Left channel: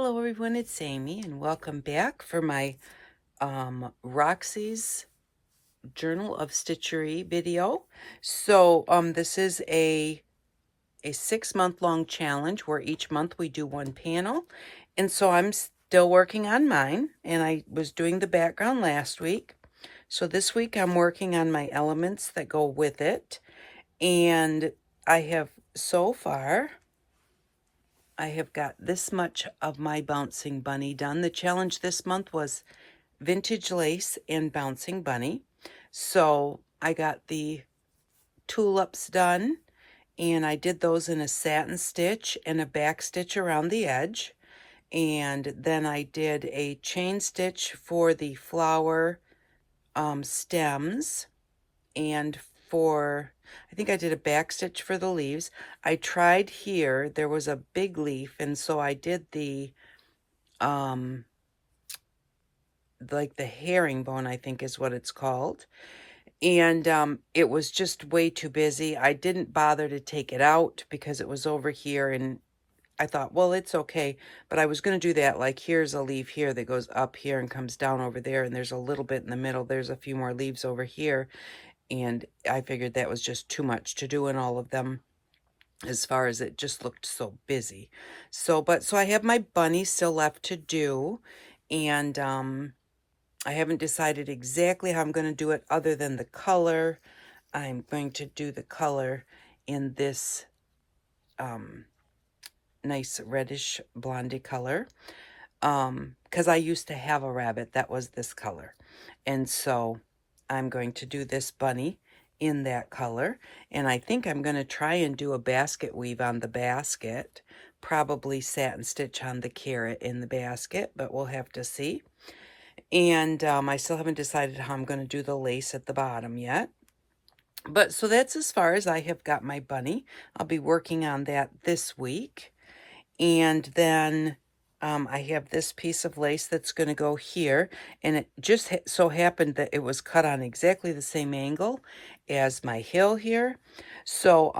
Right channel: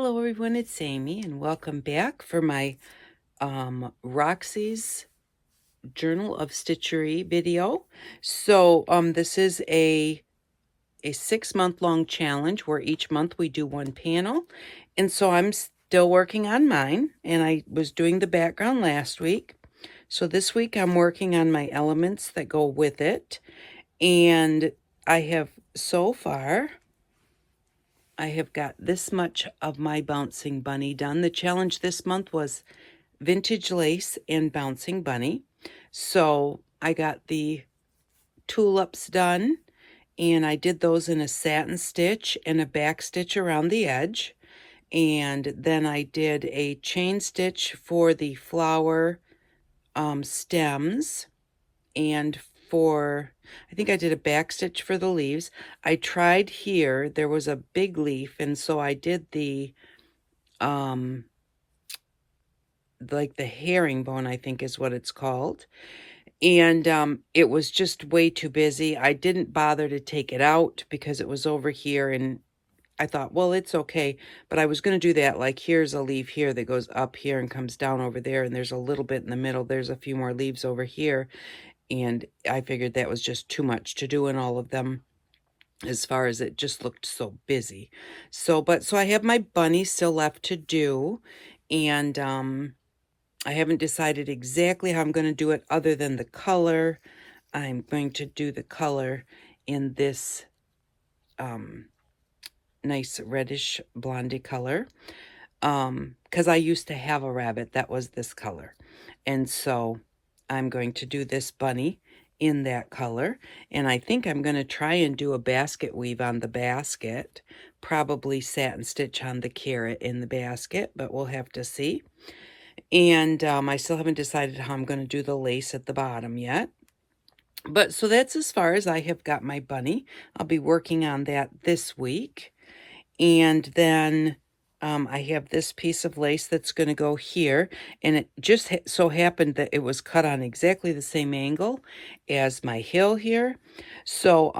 Hello everyone, it's Amy and welcome back for my Roxy's Journal of Stitchery video. So this is a 6-month long challenge where each month we do one panel. And so I'm still working on mine, and I was doing the background last week. So this week I'm working on my elements that go with it. And I have so far I have got this much of my bouncing bunny done. The challenge this month was vintage lace and bouncing bunny. So I got the tulips done, and I did those in a satin stitch and a back stitch around the edge. And then I did a chain stitch for the flower stems, and I think I did a back stitch for the leaves. I tried here, there was a big leaf, and so I did the like the herringbone, I think is what it's called. And it was just way too busy. I didn't bother to take it out because it was over here, and I thought, well, it's okay. But I was going to do that, like here's a leaf here that goes up here and comes down over there, and there's a little bit in the middle. There's a few more leaves over here. And I figured that was just too much to do in all of them, as far as it just looked so busy. So I have my bunny still left to do, and I haven't decided exactly how I'm going to do it other than the color. I'm going to do the color in this nice reddish blondie color, because I used to have a rabbit that was this color, and so I'm going to do this bunny in that color. And I think I'm going to try and do a basket weave on the basket, probably satin stitch on the carrot in the basket, but we'll have to see. And I still haven't decided how I'm going to do the lace at the bottom yet. But so that's as far as I have got my bunny. I'll be working on that this week. And then I have this piece of lace that's going to go here, and it just so happened that it was cut on exactly the same angle as my hill here. So,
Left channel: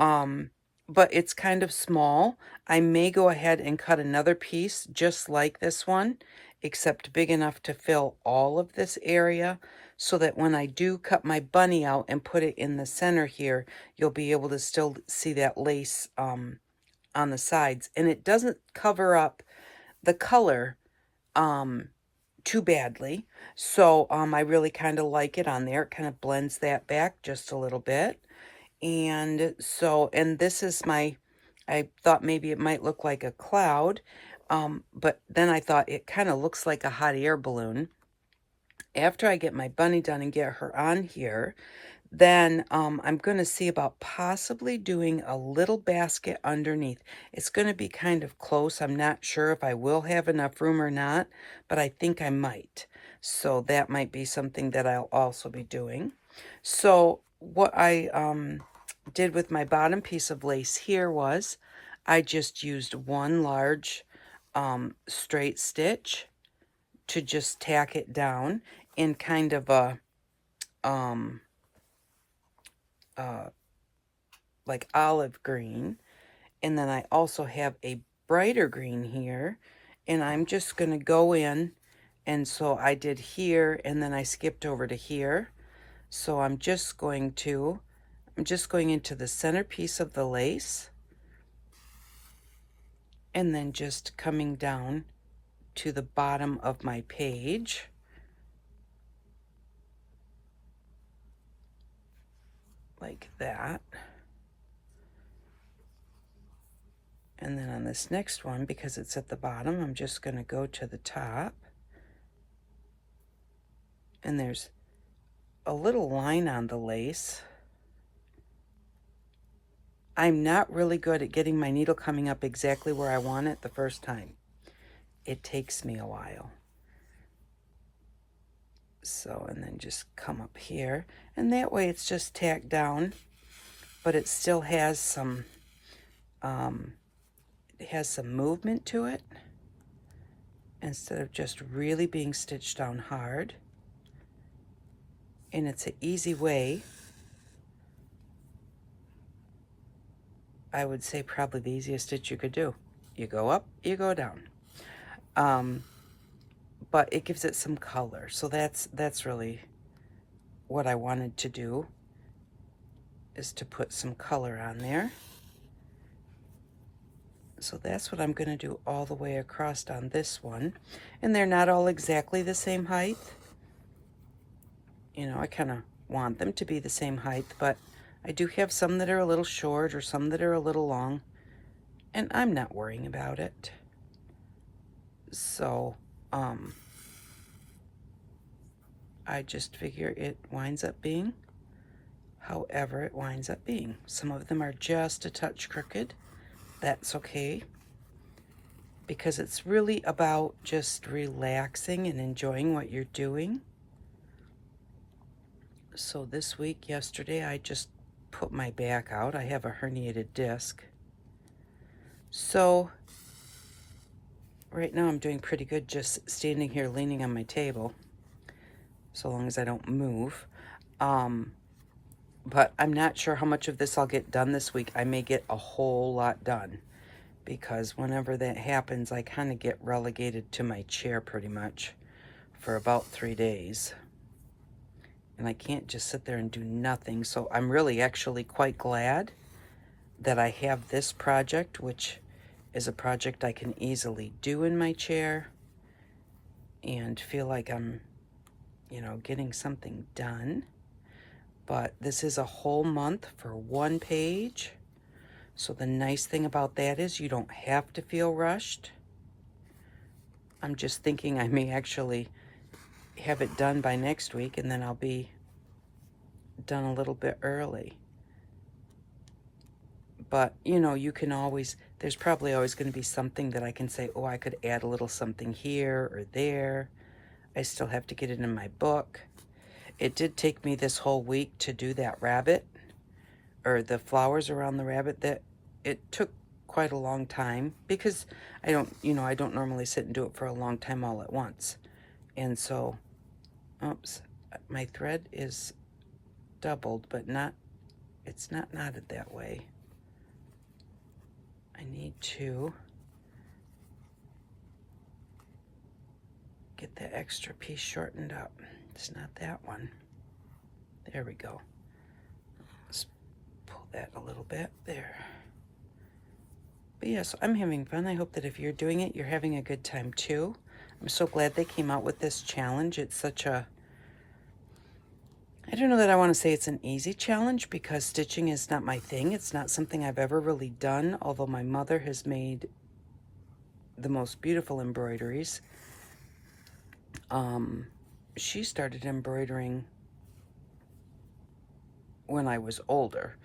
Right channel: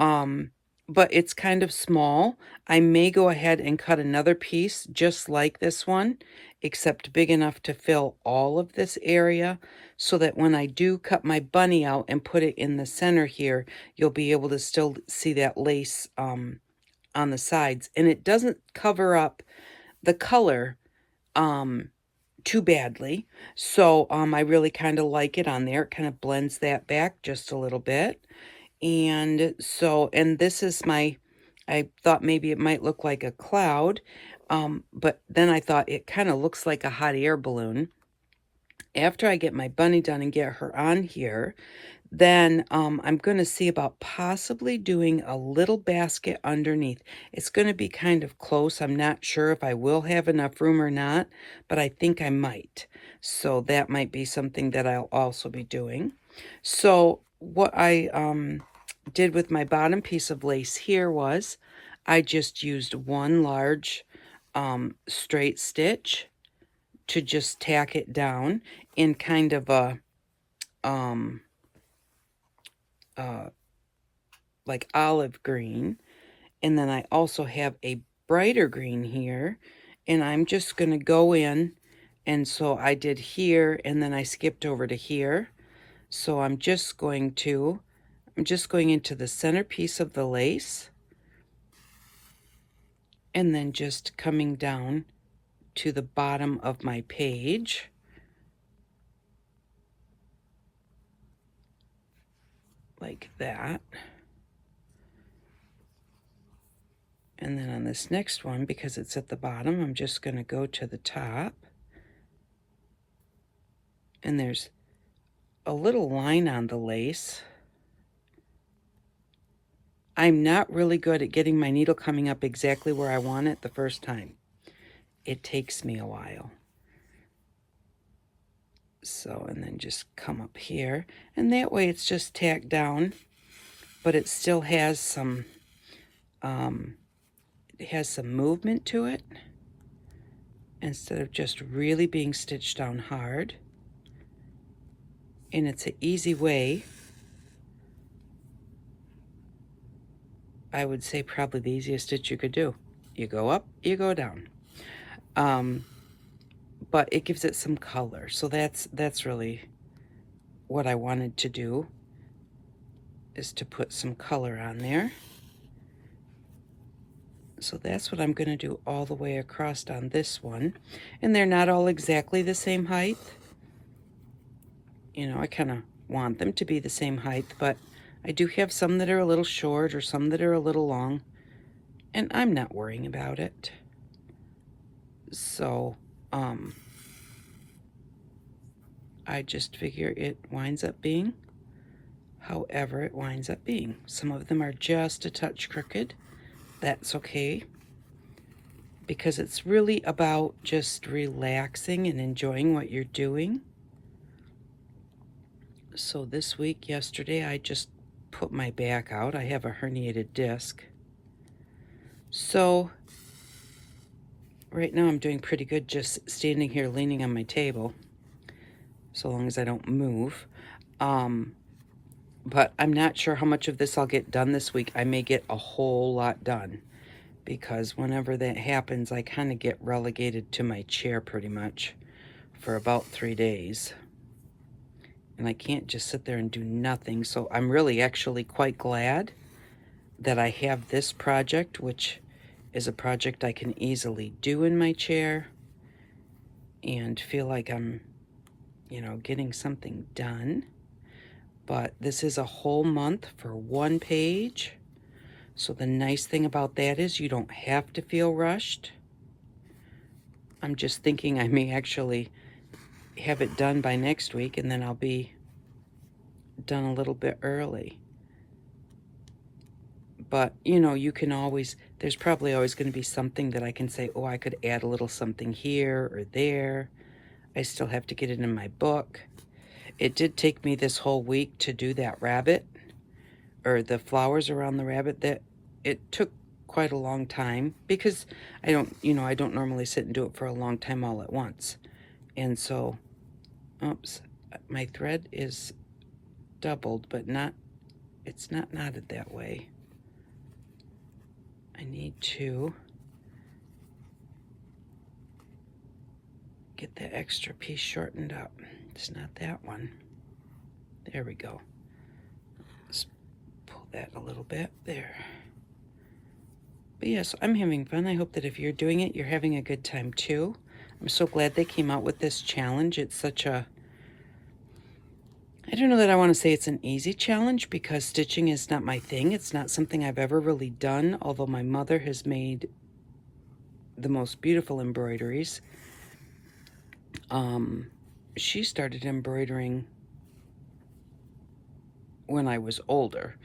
but it's kind of small. I may go ahead and cut another piece just like this one, except big enough to fill all of this area, so that when I do cut my bunny out and put it in the center here, you'll be able to still see that lace on the sides, and it doesn't cover up the color too badly. So I really kind of like it on there. It kind of blends that back just a little bit. And so, and this is I thought maybe it might look like a cloud, but then I thought it kind of looks like a hot air balloon. After I get my bunny done and get her on here, then I'm going to see about possibly doing a little basket underneath. It's going to be kind of close. I'm not sure if I will have enough room or not, but I think I might. So that might be something that I'll also be doing. So what I did with my bottom piece of lace here was I just used one large straight stitch to just tack it down in kind of a like olive green. And then I also have a brighter green here, and I'm just going to go in, and so I did here, and then I skipped over to here. So I'm just going into the center piece of the lace, and then just coming down to the bottom of my page. Like that. And then on this next one, because it's at the bottom, I'm just going to go to the top. And there's a little line on the lace. I'm not really good at getting my needle coming up exactly where I want it the first time. It takes me a while. So, and then just come up here, and that way it's just tacked down, but it still has some movement to it, instead of just really being stitched down hard. And it's an easy way, I would say probably the easiest stitch you could do. You go up, you go down. but it gives it some color. So that's really what I wanted to do, is to put some color on there. So that's what I'm going to do all the way across on this one. And they're not all exactly the same height. You know, I kind of want them to be the same height, but I do have some that are a little short or some that are a little long, and I'm not worrying about it. So, I just figure it winds up being however it winds up being. Some of them are just a touch crooked. That's okay, because it's really about just relaxing and enjoying what you're doing. So this week, yesterday, I just put my back out. I have a herniated disc. So right now I'm doing pretty good just standing here leaning on my table, so long as I don't move. But I'm not sure how much of this I'll get done this week. I may get a whole lot done, because whenever that happens, I kind of get relegated to my chair pretty much for about 3 days. And I can't just sit there and do nothing. So I'm really actually quite glad that I have this project, which is a project I can easily do in my chair and feel like I'm, you know, getting something done. But this is a whole month for one page. So the nice thing about that is you don't have to feel rushed. I'm just thinking I may actually have it done by next week, and then I'll be done a little bit early. But, you know, you can always, there's probably always going to be something that I can say, oh, I could add a little something here or there. I still have to get it in my book. It did take me this whole week to do that rabbit, or the flowers around the rabbit. That it took quite a long time, because I don't normally sit and do it for a long time all at once. And so, oops, my thread is doubled, but it's not knotted that way. I need to get that extra piece shortened up. It's not that one. There we go. Let's pull that a little bit there. But yes, I'm having fun. I hope that if you're doing it, you're having a good time too. I'm so glad they came out with this challenge. It's such a, I don't know that I want to say it's an easy challenge, because stitching is not my thing. It's not something I've ever really done, although my mother has made the most beautiful embroideries. She started embroidering when I was older.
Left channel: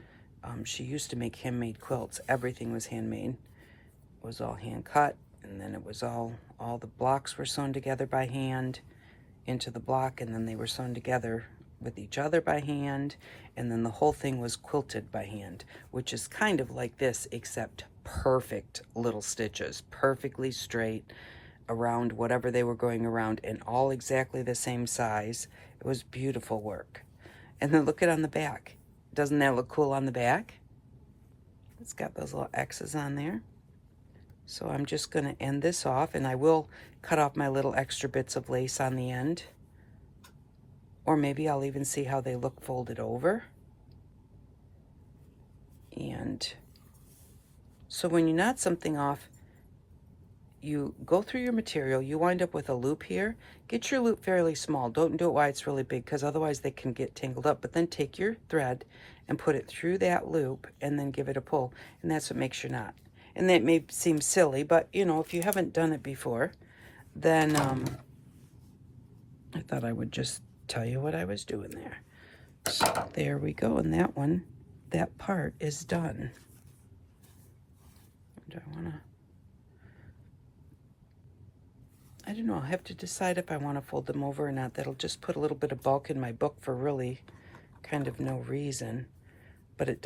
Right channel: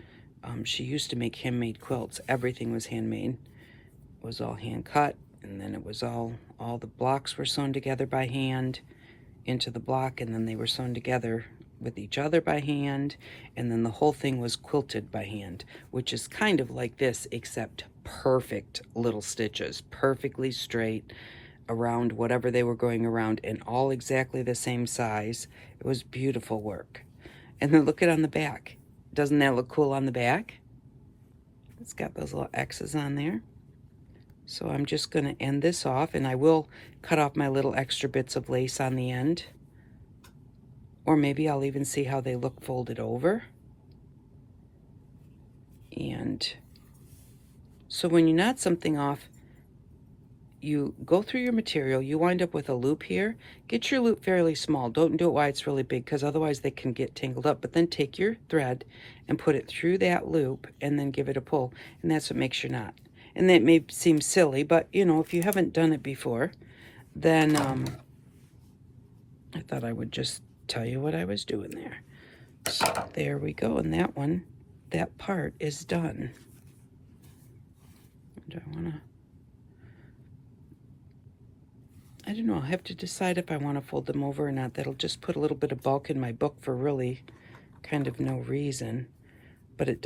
She used to make handmade quilts. Everything was handmade. It was all hand cut, and then it was all the blocks were sewn together by hand into the block, and then they were sewn together with each other by hand, and then the whole thing was quilted by hand, which is kind of like this, except perfect little stitches, perfectly straight around whatever they were going around, and all exactly the same size. It was beautiful work. And then look at on the back. Doesn't that look cool on the back? It's got those little X's on there. So I'm just going to end this off, and I will cut off my little extra bits of lace on the end. Or maybe I'll even see how they look folded over. And so when you knot something off, you go through your material, you wind up with a loop here. Get your loop fairly small. Don't do it while it's really big, because otherwise they can get tangled up. But then take your thread and put it through that loop, and then give it a pull. And that's what makes your knot. And it may seem silly, but, you know, if you haven't done it before, then I thought I would just tell you what I was doing there. So there we go. And that one, that part is done. Do I want to... I don't know, I'll have to decide if I want to fold them over or not. That'll just put a little bit of bulk in my book for really kind of no reason. But it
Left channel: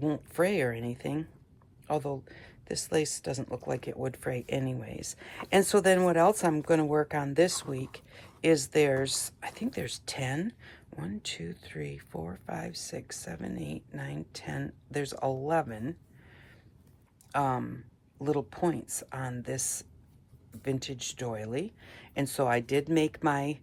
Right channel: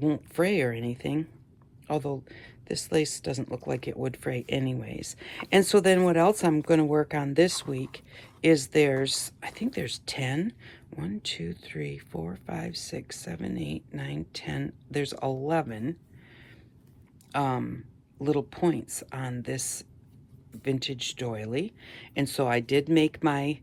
won't fray or anything. Although this lace doesn't look like it would fray anyways. And so then what else I'm going to work on this week is I think there's 10. 1, 2, 3, 4, 5, 6, 7, 8, 9, 10. There's 11 little points on this vintage doily. And so I did make my,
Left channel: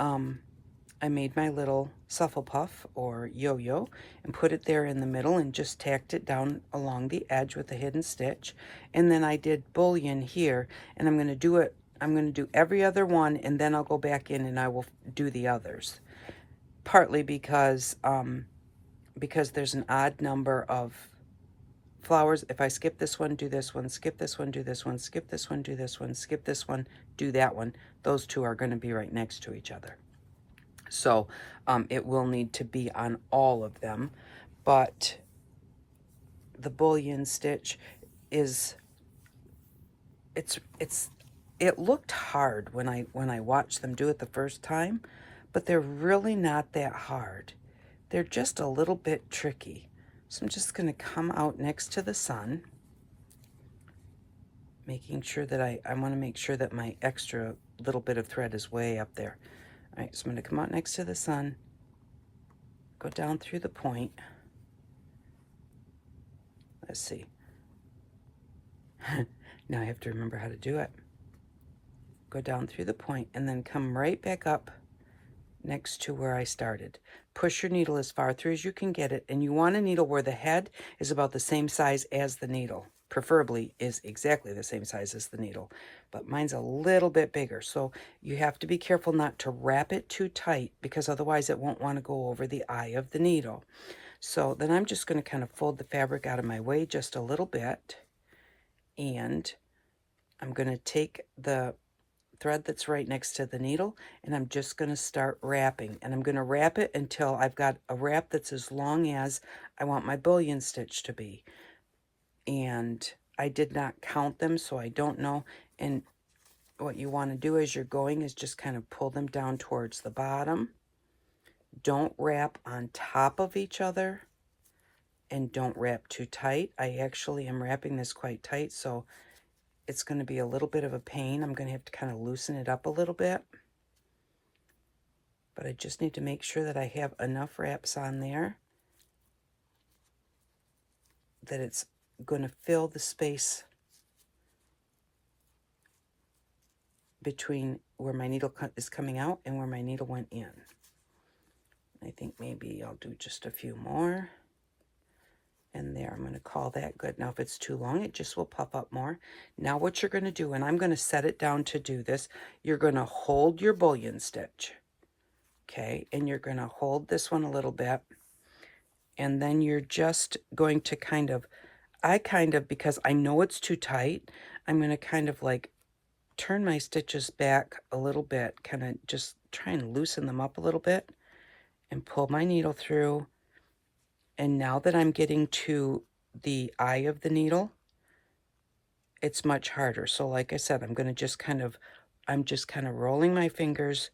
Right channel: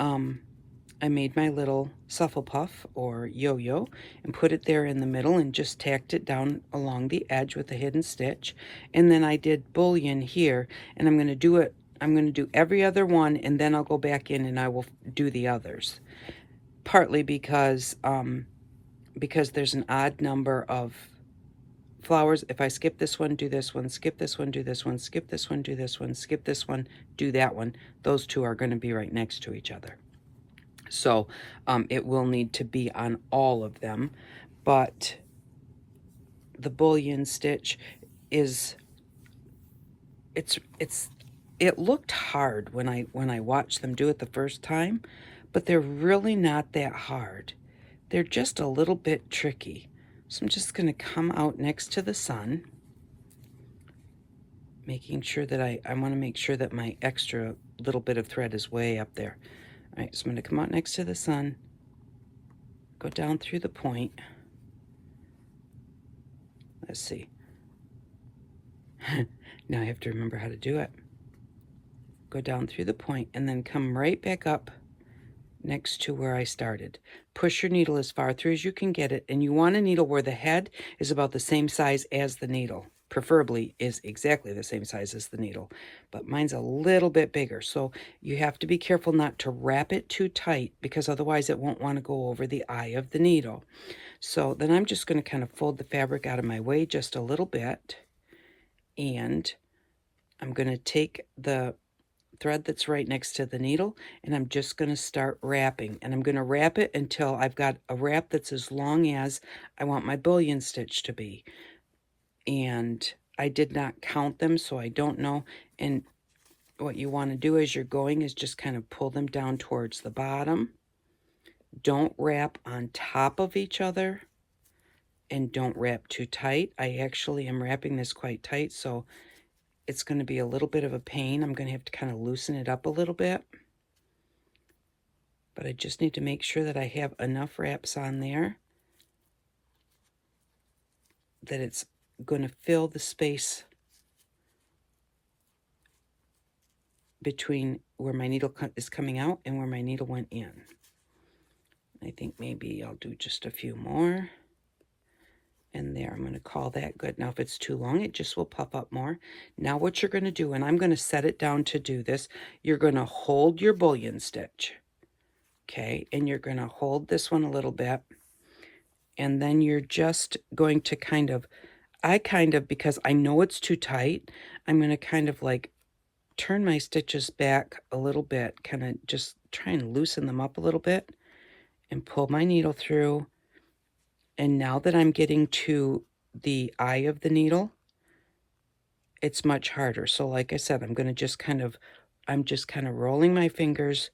I made my little Shufflepuff or yo-yo and put it there in the middle and just tacked it down along the edge with a hidden stitch. And then I did bullion here, and I'm going to do it, I'm going to do every other one, and then I'll go back in and I will do the others. Partly because there's an odd number of flowers. If I skip this one, do this one, skip this one, do this one, skip this one, do this one, skip this one, do that one, those two are going to be right next to each other. So it will need to be on all of them, but the bullion stitch is, it looked hard when I watched them do it the first time, but they're really not that hard. They're just a little bit tricky. So I'm just going to come out next to the sun, making sure that I want to make sure that my extra little bit of thread is way up there. All right, so I'm going to come out next to the sun, go down through the point. Let's see. Now I have to remember how to do it. Go down through the point and then come right back up next to where I started. Push your needle as far through as you can get it, and you want a needle where the head is about the same size as the needle. Preferably is exactly the same size as the needle, but mine's a little bit bigger, so you have to be careful not to wrap it too tight, because otherwise it won't want to go over the eye of the needle. So then I'm just going to kind of fold the fabric out of my way just a little bit, and I'm going to take the thread that's right next to the needle, and I'm just going to start wrapping, and I'm going to wrap it until I've got a wrap that's as long as I want my bullion stitch to be. And I did not count them, so I don't know. And what you want to do as you're going is just kind of pull them down towards the bottom. Don't wrap on top of each other, and don't wrap too tight. I actually am wrapping this quite tight, so it's going to be a little bit of a pain. I'm going to have to kind of loosen it up a little bit. But I just need to make sure that I have enough wraps on there that it's going to fill the space between where my needle is coming out and where my needle went in. I think maybe I'll do just a few more. And there, I'm going to call that good. Now, if it's too long, it just will puff up more. Now, what you're going to do, and I'm going to set it down to do this, you're going to hold your bullion stitch, okay? And you're going to hold this one a little bit, and then you're just going to kind of, because I know it's too tight, I'm going to kind of like turn my stitches back a little bit, kind of just try and loosen them up a little bit, and pull my needle through. And now that I'm getting to the eye of the needle, it's much harder. So like I said, I'm going to just kind of, I'm just kind of rolling my fingers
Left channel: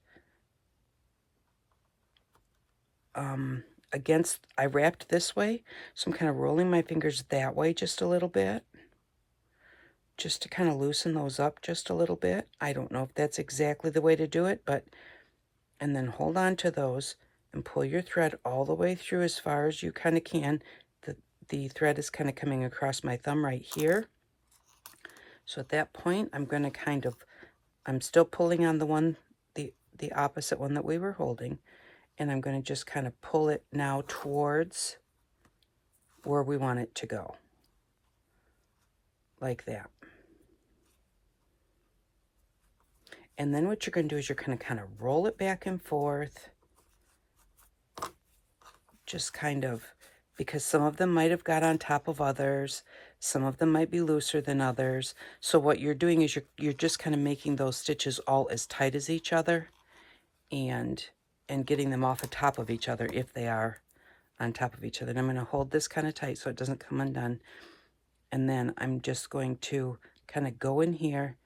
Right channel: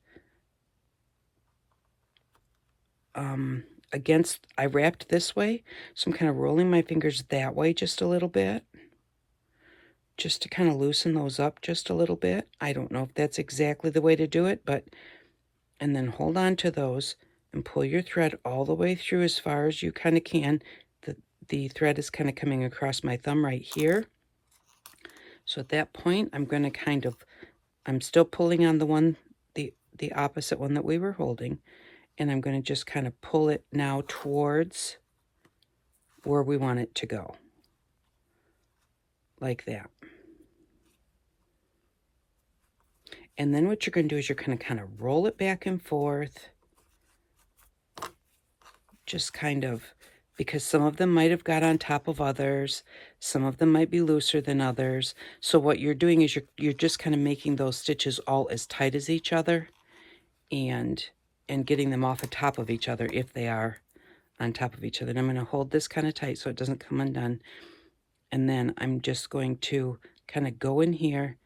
against, I wrapped this way, so I'm kind of rolling my fingers that way just a little bit, just to kind of loosen those up just a little bit. I don't know if that's exactly the way to do it, but, and then hold on to those and pull your thread all the way through as far as you kind of can. The thread is kind of coming across my thumb right here. So at that point, I'm going to kind of, I'm still pulling on the one, the opposite one that we were holding, and I'm going to just kind of pull it now towards where we want it to go, like that. And then what you're going to do is you're going to kind of roll it back and forth, just kind of, because some of them might have got on top of others, some of them might be looser than others. So what you're doing is you're just kind of making those stitches all as tight as each other, and getting them off the top of each other if they are on top of each other. And I'm going to hold this kind of tight so it doesn't come undone. And then I'm just going to kind of go in here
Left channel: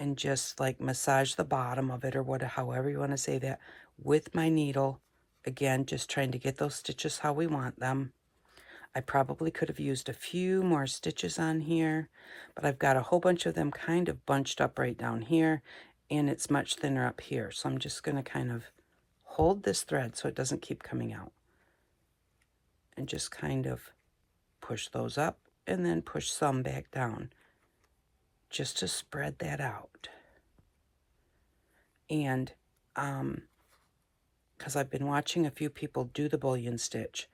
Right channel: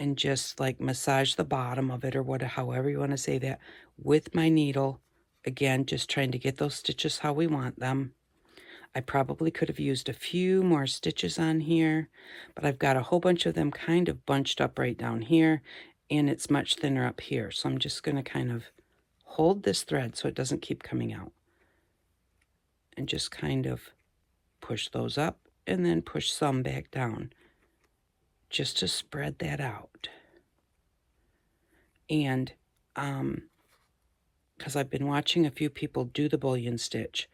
and just like massage the bottom of it, or however you want to say that, with my needle. Again, just trying to get those stitches how we want them. I probably could have used a few more stitches on here, but I've got a whole bunch of them kind of bunched up right down here, and it's much thinner up here. So I'm just going to kind of hold this thread so it doesn't keep coming out, and just kind of push those up and then push some back down. just to spread that out. And because I've been watching a few people do the bullion stitch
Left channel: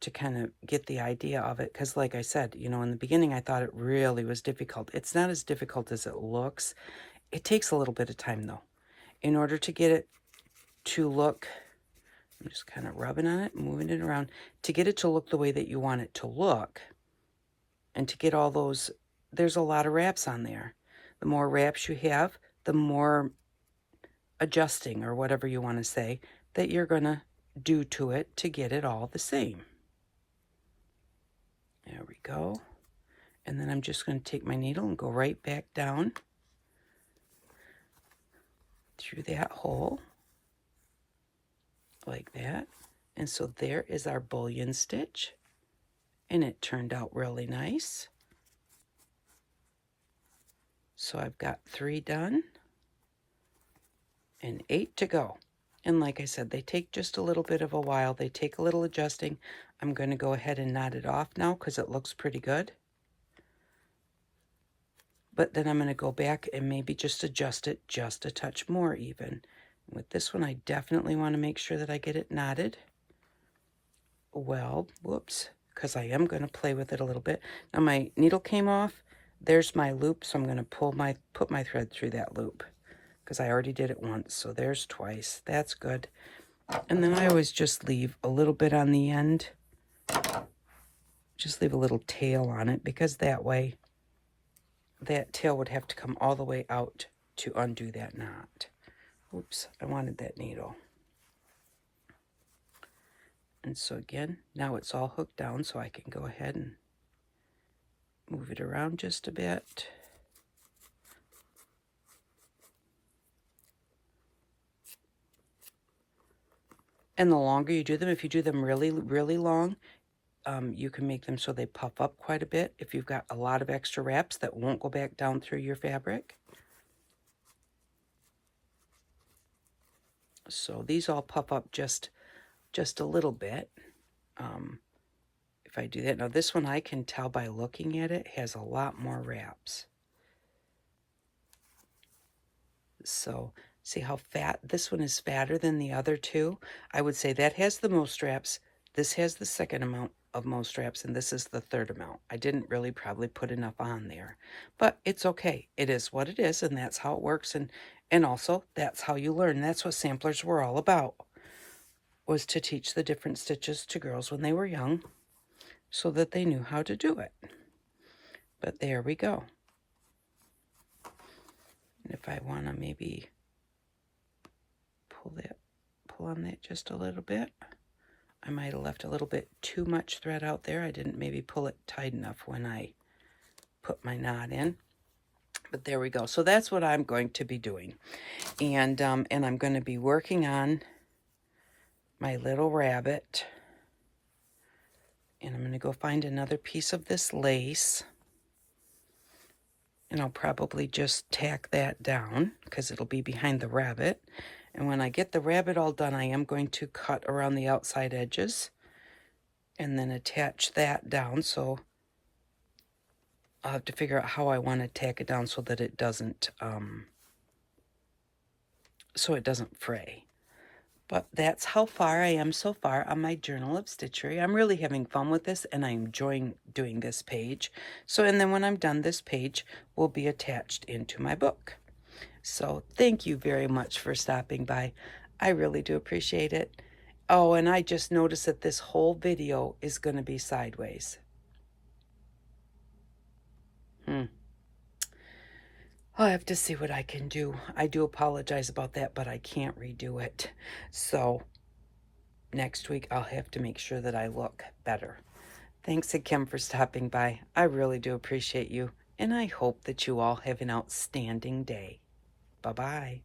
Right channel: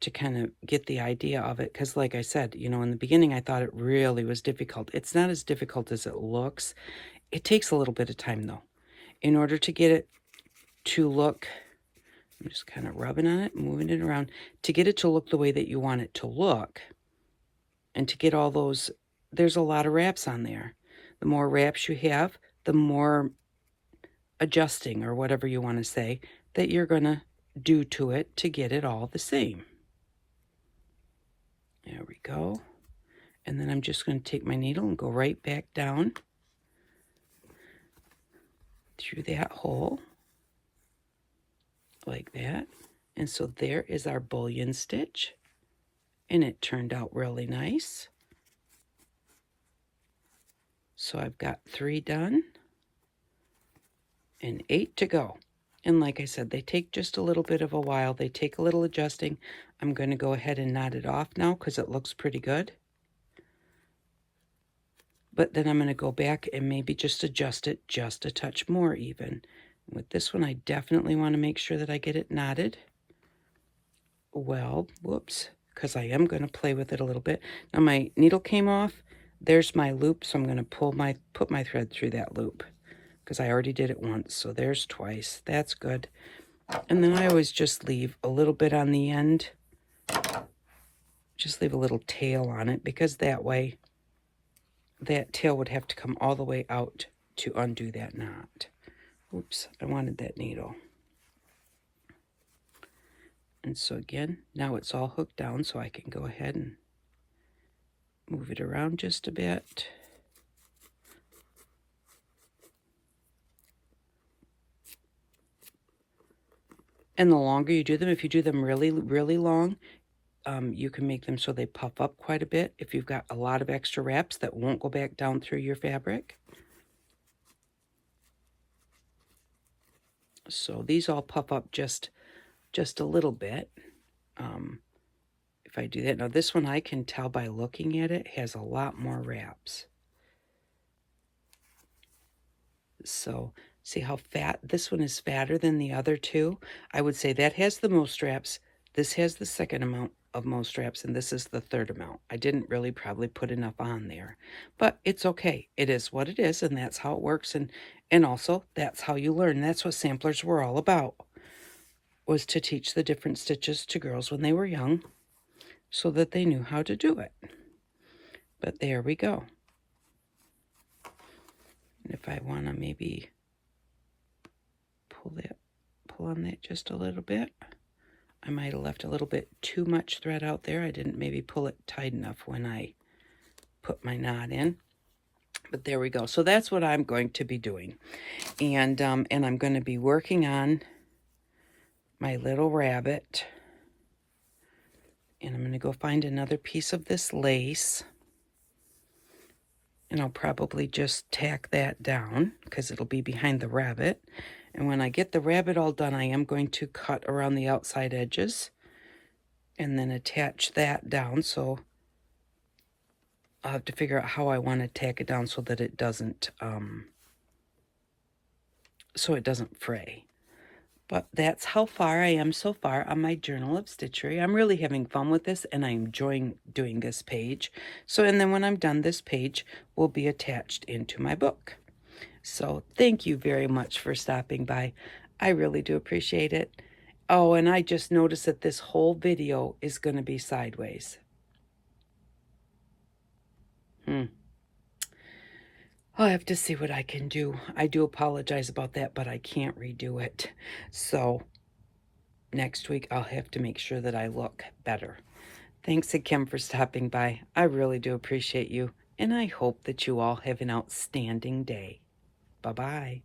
to kind of get the idea of it, because like I said, you know, in the beginning I thought it really was difficult. It's not as difficult as it looks. It takes a little bit of time though. In order to get it to look, I'm just kind of rubbing on it, moving it around, to get it to look the way that you want it to look, and to get all those, there's a lot of wraps on there. The more wraps you have, the more adjusting, or whatever you want to say, that you're going to do to it to get it all the same. There we go. And then I'm just going to take my needle and go right back down through that hole, like that. And so there is our bullion stitch, and it turned out really nice. So I've got 3 done and 8 to go. And like I said, they take just a little bit of a while. They take a little adjusting. I'm going to go ahead and knot it off now because it looks pretty good. But then I'm going to go back and maybe just adjust it just a touch more even. With this one, I definitely want to make sure that I get it knotted well. Whoops, because I am going to play with it a little bit. Now my needle came off. There's my loop, so I'm going to put my thread through that loop, because I already did it once, so there's twice. That's good. And then I always just leave a little bit on the end. Just leave a little tail on it, because that way that tail would have to come all the way out to undo that knot. Oops, I wanted that needle. And so again, now it's all hooked down, so I can go ahead and move it around just a bit. And the longer you do them, if you do them really, really long, you can make them so they puff up quite a bit. If you've got a lot of extra wraps that won't go back down through your fabric. So these all puff up just a little bit. If I do that. Now this one, I can tell by looking at it, has a lot more wraps. So see how fat, this one is fatter than the other two. I would say that has the most wraps. This has the second amount of most wraps, and this is the third amount. I didn't really probably put enough on there, but it's okay. It is what it is, and that's how it works. And also, that's how you learn. That's what samplers were all about, was to teach the different stitches to girls when they were young so that they knew how to do it. But there we go. And if I want to maybe pull on that just a little bit, I might have left a little bit too much thread out there. I didn't maybe pull it tight enough when I put my knot in. But there we go. So that's what I'm going to be doing. And I'm going to be working on my little rabbit. And I'm going to go find another piece of this lace. And I'll probably just tack that down because it'll be behind the rabbit. And when I get the rabbit all done, I am going to cut around the outside edges and then attach that down. So I'll have to figure out how I want to tack it down so that it doesn't fray. But that's how far I am so far on my Journal of Stitchery. I'm really having fun with this, and I'm enjoying doing this page. So, and then when I'm done, this page will be attached into my book. So thank you very much for stopping by. I really do appreciate it. Oh, and I just noticed that this whole video is going to be sideways. I'll have to see what I can do. I do apologize about that, but I can't redo it. So next week, I'll have to make sure that I look better. Thanks again for stopping by. I really do appreciate you, and I hope that you all have an outstanding day. Bye-bye.